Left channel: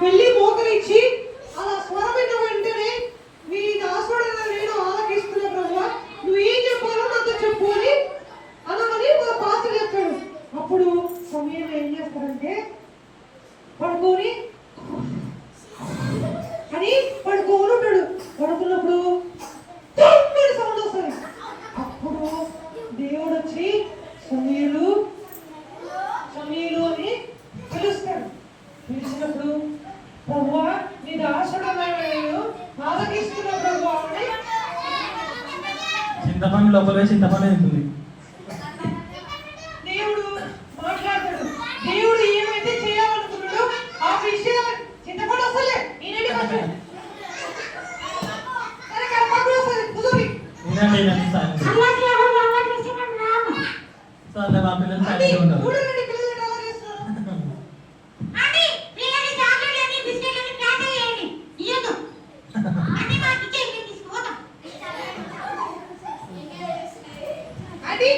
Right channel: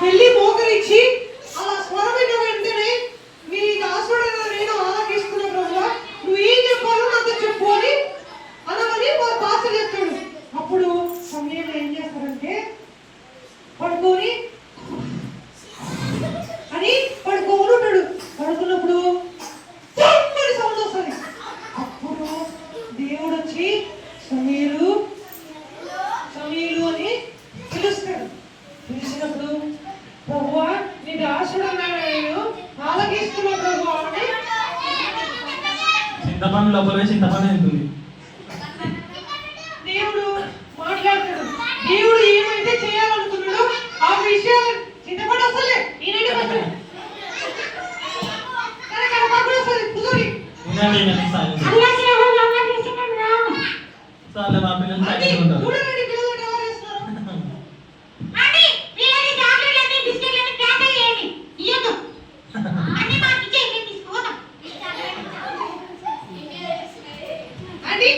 వెళ్ళి మోకరించి అలా స్వరమైన వెంటనే మీ దాసుడైన నేను ఆలకిస్తున్న ప్రభువా నువ్వు ఏం చెప్పాలో నాతో చెప్పు అని అనమని మా పాత్ర చెప్తాడు. అప్పుడు సమయంలో ఏం చేస్తారంటే పడుకొని అని పడుకోని ఉంటాడు. పడుకున్నప్పుడు సౌండ్ వస్తుంది. అప్పుడు దేవుడు వచ్చి సమీలు సమీలు అని పిలుస్తాడు. పిలిచినప్పుడు ప్రభువా నీ దాసుడన్నాడు నేను ఆలకిస్తున్నా ప్రభువా అని చింతపండు లోపల చింతపండు ఉంటుంది. దేవుడు మాట్లాడతాడు. దేవుడు ఏమైతే చేయాలనుకున్నాడో ఆ విషయాలు చింతపండు వస్తలే నేనండి కొంచెం కనపడు వస్తుంది కుదురి సార్లే మా పిల్లలు చక్కగా ఉంటారు. చూడండి పిల్లలు కవర్ చేస్తారు. అండి పిల్లలు చాక్లెట్లని బిస్కెట్లని ప్యాకెట్ చేయండి ఇయ్యొద్దు అన్ని మాకు ఇచ్చే మేము తీసుకుపోతాం. అండి